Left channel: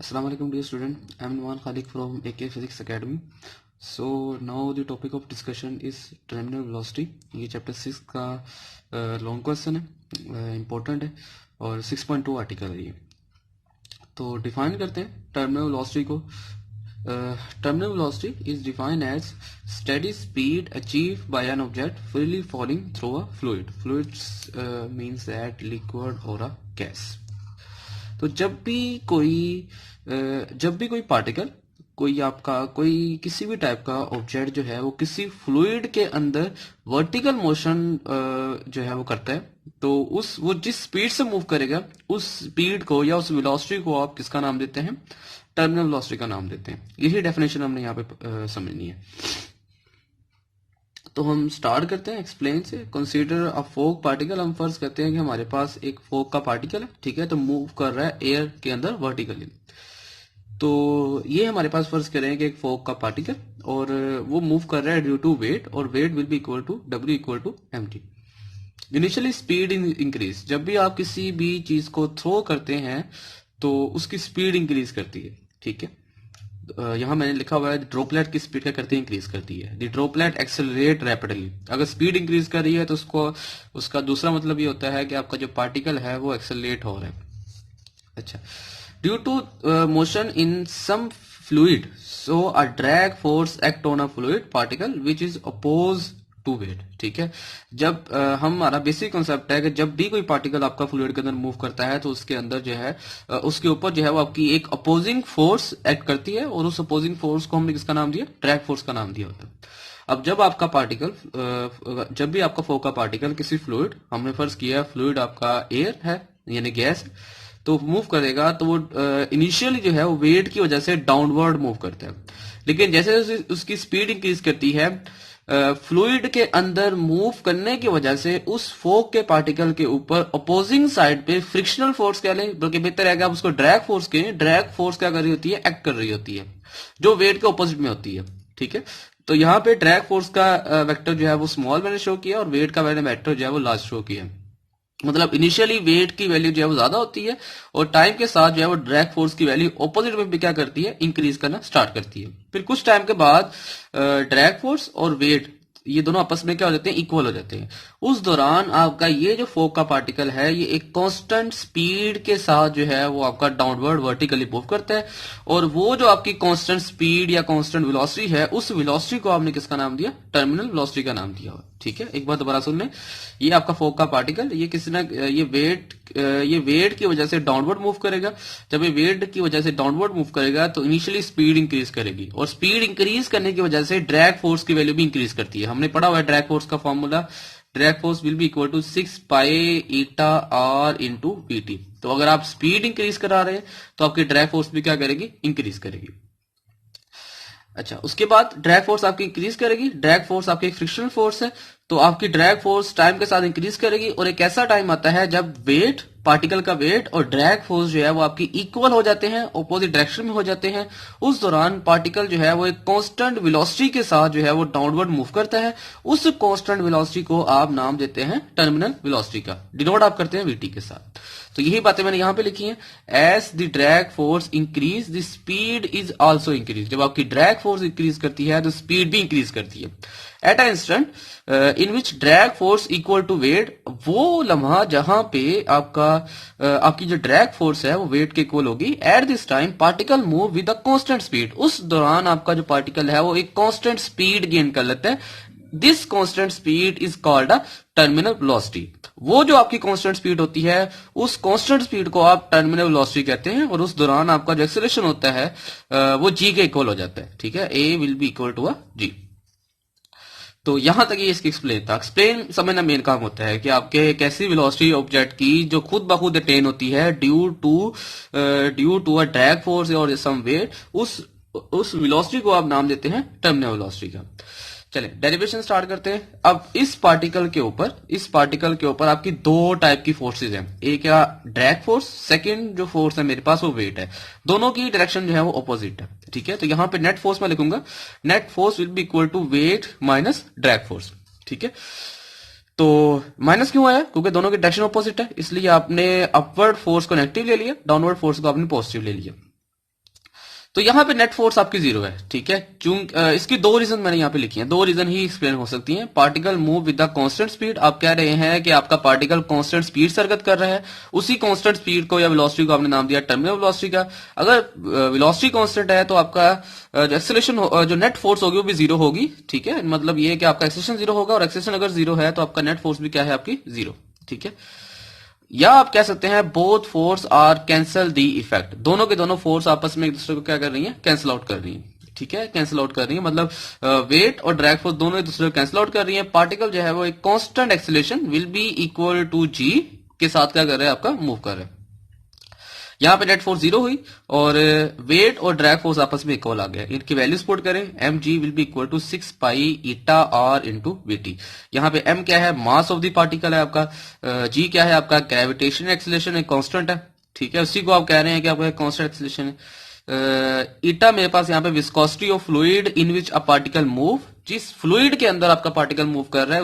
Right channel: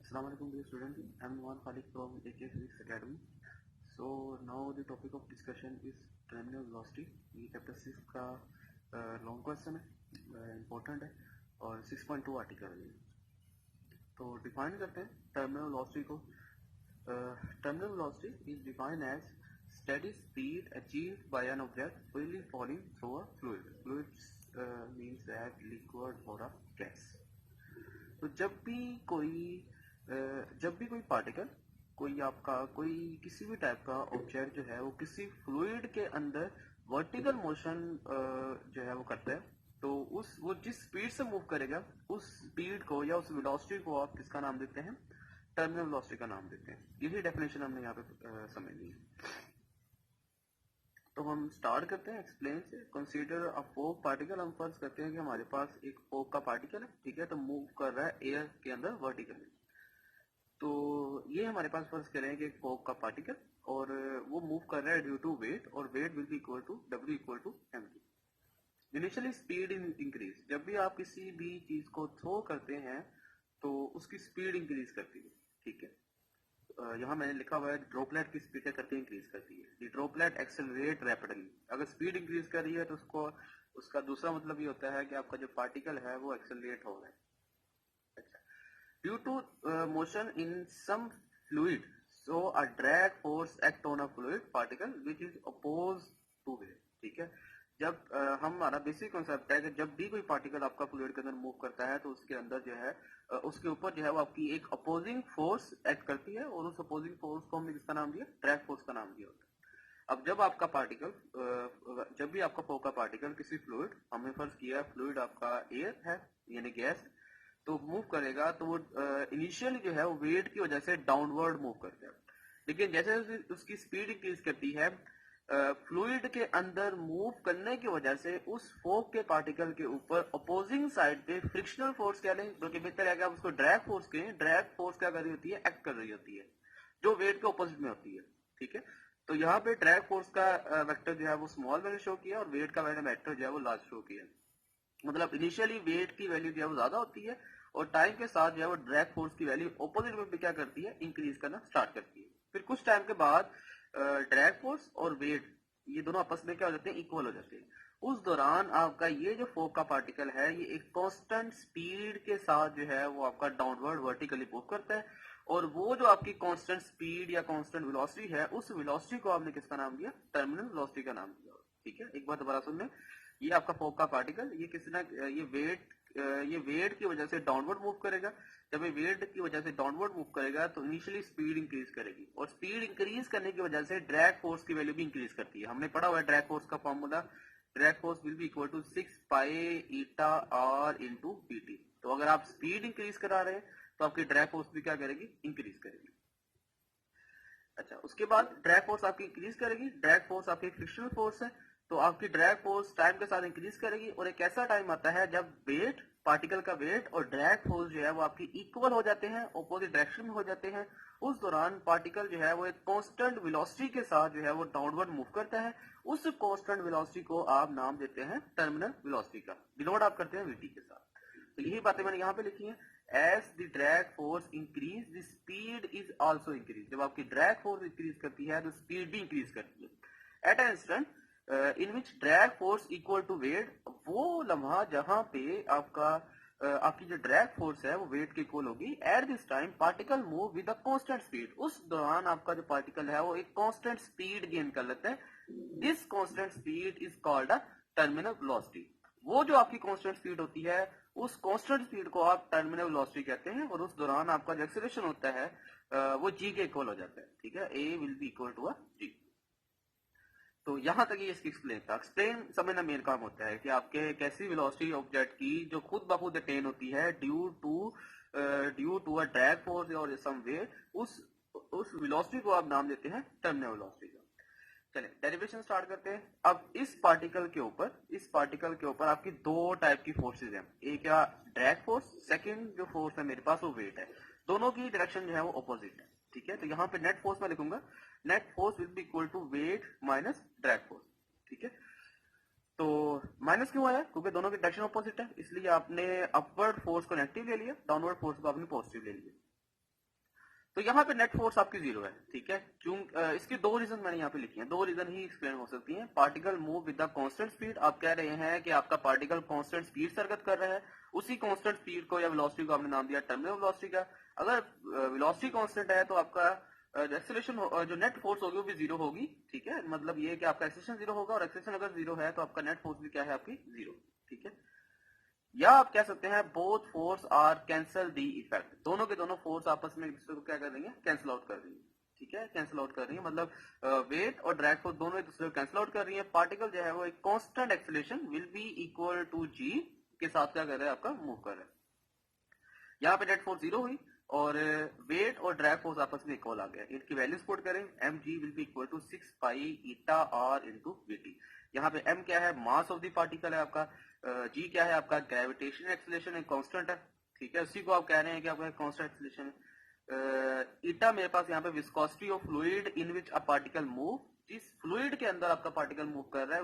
Assalamu alaikum dear student. I am Numan Khalik from AK Physics Academy. So now the topic of discussion is terminal velocity. ये chapter 6 का long question है, important है और 6.2 article है ये. तो define करते हैं टर्मिनल वेलोसिटी को. Terminal velocity is defined as steady speed achieve by an object freely falling through a fluid. Fluids means that liquid और अ गैस. तो जब भी कोई पार्टिकल कोई किसी भी टाइप का ऑब्जेक्ट जो है वो किसी फ्लूइड के अंदर वर्टिकल मोशन जो है वो करता है, तो वो जिस स्पीड से मूव करेगा उस स्पीड को या उस वेलोसिटी को आप किसका नाम देते हैं? टर्मिनल वेलोसिटी का नाम देते हैं. यही डेफिनेशन हमने यहाँ पे समझनी है. तो हम स्टार्ट करते हैं एक्सप्लेन से. कंसीडर अ फोक पार्टिकल. हम फर्ज करते हैं कि हमारे पास एक फोक का पार्टिकल है, ठीक है, तो मूव कर रहा है एयर के अंदर वर्टिकली. तो ये हमारे पास फर्ज करें कि एक फोक का पार्टिकल और वो मूव कर रहा है ड्यू टू वेट, और weight will be equal to W equal to mg. Initially speed increase. जब भी आप किसी भी चीज को थ्रो करते हैं तो उसकी स्पीड इंक्रीज करती है, ठीक है. यहाँ मैंने लिखा हुआ है ड्रॉपलेट की स्पीड क्या करती है? इंक्रीज करती है. The droplet accelerate rapidly. अगर स्पीड इंक्रीज कर रही है तो उसका दूसरा मतलब ये होता है कि आपका जो पार्टिकल है वो एक्सेलरेट हो रहा है. अच्छा. Due to motion in some fluid, so a drag force act on a fluid particle which is oppose to weight. ठीक है. जब हमारा बेसिक कॉन्सेप्ट है कि जब भी कोई पार्टिकल आपका फ्लूइड के अंदर मूव करता है तो उसके अंदर जो है उसके ऊपर जो है वो आपकी एक अपोजिंग फोर्स एक्ट करती है, और उस अपोजिंग फोर्स को हमने किसका नाम दिया? ड्रैग फोर्स का नाम दिया होता है. अब जब भी आपका फोक का पार्टिकल किसी फ्लूइड, हमने फर्ज किया फ्लूइड आपका एयर है यानी गैस, तो मूव करेगा तो वो इनिशियली जो है वो वेट की वजह से डाउनवर्ड मूव करता है. लेकिन जैसे उसकी स्पीड इंक्रीज करती है, फ्लूइड के अंदर मूव करने की वजह से उस फोक के पार्टिकल के ऊपर अपोजिंग साइड पे फ्रिक्शनल फोर्स कह लें, बल्कि बेहतर है कि आप उसको ड्रैग फोर्स कहें. ड्रैग फोर्स क्या कर रही होती है? एक्ट कर रही होती है, जो वेट के ऑपोजिट में होती है. ठीक है. तो यहाँ पे ड्रैग फोर्स का वेक्टर जो है वो स्मॉल मैंने शो किया और वेट का मैंने वेक्टर जो है वो लार्ज शो किया. मतलब इनिशियली वेट की वैल्यू जो है वो ज्यादा होती है और टाइम के साथ जो है वो ड्रैग फोर्स की वैल्यू ऑपोजिट में भी क्या करती है? इंक्रीज करना स्टार्ट करती है. फिर कुछ टाइम के बाद ड्रैग फोर्स और वेट ये दोनों आपस में क्या हो जाते हैं? इक्वल हो जाते हैं. उस दौरान आपका ये जो फोक का पार्टिकल है ये एक कांस्टेंट स्पीड के साथ जो है वो आपका डाउनवर्ड वर्टिकली मूव करता है, और वो जो आपकी कांस्टेंट स्पीड या कांस्टेंट वेलोसिटी है उस वेलोसिटी को आपने किसका नाम दिया? टर्मिनल वेलोसिटी का नाम दिया. ठीक है. एक बार दोबारा सुन लें. ये आपका फोक का पार्टिकल ये किसी ना ये वेट की वजह से डाउनवर्ड मूव करेगा. जब ये वेट की वजह से डाउनवर्ड मूव करेगा तो इनिशियली स्पीड इंक्रीज करेगी, और स्पीड इंक्रीज करने की वजह से ड्रैग फोर्स की वैल्यू भी इंक्रीज करती है. हमने पढ़ा हुआ है ड्रैग फोर्स का formula. Drag force will be equal to 6 pi eta r into VT. तो अगर आप स्पीड इंक्रीज करा रहे हैं तो आपकी ड्रैग फोर्स भी क्या करेगी? इंक्रीज करेगी. अच्छा. उसके बाद ड्रैग फोर्स आपकी इंक्रीज करेगी. ड्रैग फोर्स आपकी एक फ्रिक्शनल फोर्स है, तो आपकी ड्रैग फोर्स टाइम के साथ इंक्रीज करेगी, और एक ऐसा टाइम आता है जब वेट, पार्टिकल का वेट और ड्रैग फोर्स जो है वो आपकी इक्वल हो जाते हैं, ऑपोजिट डायरेक्शन में हो जाते हैं. उस दौरान पार्टिकल जो है वो एक कांस्टेंट वेलोसिटी के साथ जो है वो डाउनवर्ड मूव करता है. उस कांस्टेंट वेलोसिटी को आप नाम देते हैं टर्मिनल वेलोसिटी का. डिनोट आप करते हैं वीटी के साथ. तो यही बातें मैंने यहां पे लिखी हैं. As the drag force increase the speed is also increase. जब आपकी ड्रैग फोर्स इंक्रीज करती है तो स्पीड भी इंक्रीज करती है. At a instant in which drag force equal to weight, वो लम्हा जहां पे आपकी जो ड्रैग फोर्स है वो वेट के इक्वल होगी. At this time particle move with a constant speed. उस दौरान आपका जो पार्टिकल है वो एक कांस्टेंट स्पीड गेन कर लेता है. This constant speed is called a terminal velocity. वो जो आपकी कांस्टेंट स्पीड होती है उस कांस्टेंट स्पीड को आप टर्मिनल वेलोसिटी कहते हैं, और उस दौरान आपका जो एक्सेलरेशन होता है वो जी के इक्वल हो जाता है. ठीक है. A will be equal to a g. तो यहां तक ये इसकी एक्सप्लेन था. एक्सप्लेन समझना मेन काम होता है कि आपके एक ऐसी वेलोसिटी ऑब्जेक्ट की जो खुद ब खुद अटेन होती है due to a drag force और सम वेट, उस वेलोसिटी को आप नाम देते हैं टर्मिनल वेलोसिटी का. चले डेरिवेशन स्टार्ट करते हैं. अब इस पार्टिकल के ऊपर आपकी दो टाइप की फोर्सेज हैं. एक है ड्रैग फोर्स, सेकंड जो फोर्स है मेरे पास वो वेट है. दोनों की डायरेक्शन जो है वो ऑपोजिट है. ठीक है. तो यहां पे नेट फोर्स मैं लिखूंगा. Net force will be equal to weight minus drag force. ठीक है. तो माइनस क्यों आया? क्योंकि दोनों की डायरेक्शन ऑपोजिट है, इसलिए आपने अपवर्ड फोर्स को नेगेटिव ले लिया, डाउनवर्ड फोर्स को आपने पॉजिटिव ले लिया. तो यहाँ पे नेट फोर्स आपकी जीरो है, ठीक है। इसकी दो रीजन मैंने यहाँ पे लिखी हैं, दो रीजन ही एक्सप्लेन हो सकती हैं। Particle move with the constant speed, आप कह रहे हैं कि आपका पार्टिकल कांस्टेंट स्पीड से हरकत कर रहा है, उसी कांस्टेंट स्पीड को या वेलोसिटी को आपने नाम दिया टर्मिनल वेलोसिटी का। अगर वेलोसिटी कांस्टेंट है तो आपका एक्सेलरेशन जो नेट फोर्स होगी वो भी जीरो होगी, ठीक है। मतलब ये कि आपका एक्सेलरेशन जीरो होगा, और एक्सेलरेशन अगर जीरो है तो आपका नेट फोर्स भी क्या है, आपकी जीरो, ठीक है। या आप कह सकते हैं both force are cancel the effect, दोनों के दोनों फोर्स आपस में एक दूसरे को क्या कर रही हैं, कैंसिल आउट कर रही हैं, ठीक है, कैंसिल आउट कर रही है। मतलब वेट और ड्रैग फोर्स दोनों एक दूसरे को कैंसिल आउट कर रही है। पार्टिकल जो है वो एक constant acceleration will be equal to g के साथ क्या कर रहा है, आपका मूव कर रहा है। यहाँ पे नेट फोर्स जीरो हुई और वेट और ड्रैग फोर्स आपस में इक्वल आ गया। इनकी वैल्यूज पुट करें, m g will be equal to 6 pi eta r into VT. यहाँ पे एम क्या है, मास ऑफ द पार्टिकल है आपका, जी क्या है आपका, ग्रेविटेशन एक्सेलरेशन एक कांस्टेंट है, ठीक है, उसी को आप कह रहे हैं कि आपका कांस्टेंट एक्सेलरेशन है। ईटा मेरे पास यहाँ पे viscosity of fluid in which a particle move, जिस फ्लूइड के अंदर आपका पार्टिकल मूव कर रहा है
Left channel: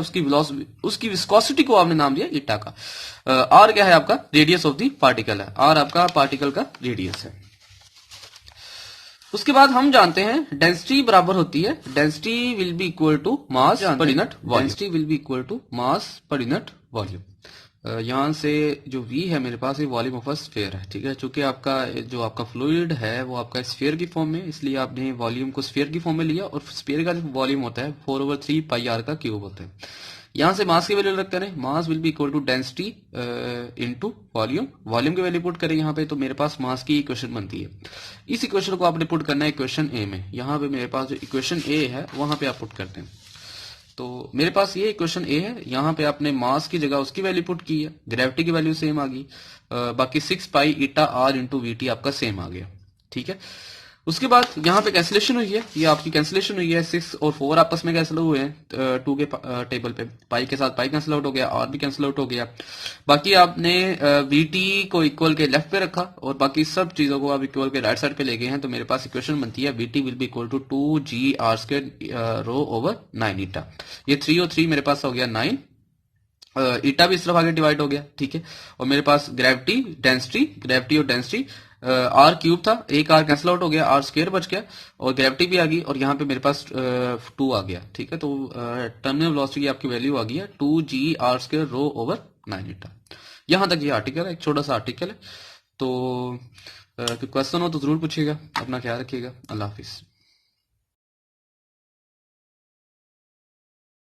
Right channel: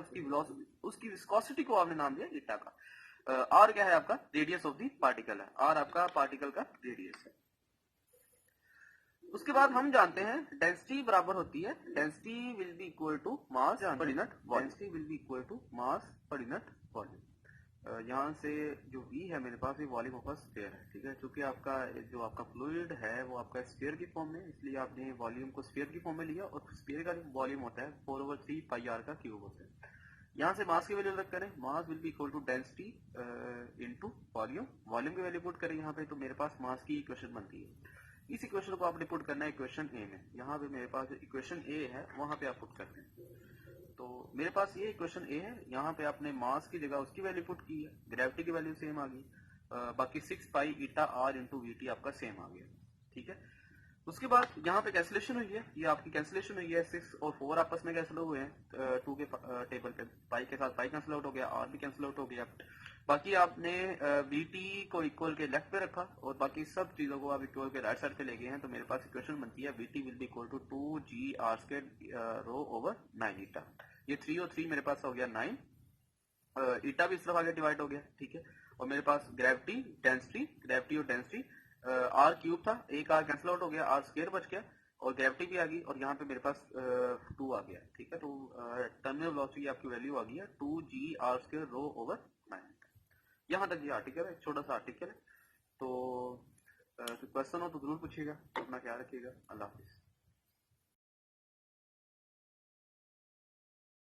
उसकी विस्कोसिटी को आपने नाम दिया ईटा का। आर क्या है आपका, रेडियस ऑफ द पार्टिकल है, आर आपका पार्टिकल का रेडियस है। उसके बाद हम जानते हैं डेंसिटी बराबर होती है, density will be equal to mass per unit volume, density will be equal to mass per unit volume. यहां से जो V है मेरे पास, ये वॉल्यूम ऑफ अ स्फीयर है, ठीक है। चूंकि आपका जो आपका फ्लूइड है वो आपका स्फीयर की फॉर्म में, इसलिए आपने वॉल्यूम को स्फीयर की फॉर्म में लिया, और स्फीयर का जो वॉल्यूम होता है 4/3 पाई आर का क्यूब होता है। यहां से मास की वैल्यू रख करें, mass will be equal to density into volume, volume की वैल्यू पुट करें यहाँ पे, तो मेरे पास मास की इक्वेशन बनती है। इस इक्वेशन को आपने पुट करना है इक्वेशन ए में। यहाँ पे मेरे पास जो इक्वेशन ए है वहां पे आप पुट करते हैं, तो मेरे पास ये इक्वेशन ए है। यहाँ पे आपने मास की जगह उसकी वैल्यू पुट की है, ग्रेविटी की वैल्यू सेम आ गई, बाकी 6 pi eta r into VT आपका सेम आ गया, ठीक है। उसके बाद यहाँ पे कैंसिलेशन हुई है, ये आपकी कैंसिलेशन हुई है, 6 और 4 आपस में कैंसिल हुए हैं 2 के टेबल पे, पाई के साथ पाई कैंसिल आउट हो गया, आर भी कैंसिल आउट हो गया। बाकी आपने वीटी को इक्वल के लेफ्ट पे रखा और बाकी सब चीजों को आप इक्वल के राइट साइड पे ले गए हैं, तो मेरे पास इक्वेशन बनती है VT will be equal to 2g r² rho over 9 eta. ये 3 और 3 मेरे पास हो गया 9, ईटा भी इस तरफ आगे डिवाइड हो गया, ठीक है। और मेरे पास ग्रेविटी और डेंसिटी आर क्यूब था, एक आर कैंसिल आउट हो गया, आर स्क्वायर बच गया, और ग्रेविटी भी आ गई, और यहाँ पे मेरे पास 2 आ गया, ठीक है। तो टर्मिनल वेलोसिटी की आपकी वैल्यू आ गई है 2g r² रो ओवर 9 ईटा। यहाँ तक ये आर्टिकल है, एक छोटा सा आर्टिकल है। तो क्वेश्चन हो तो जरूर पूछिएगा। अपना ख्याल रखिएगा। अल्लाह हाफिज।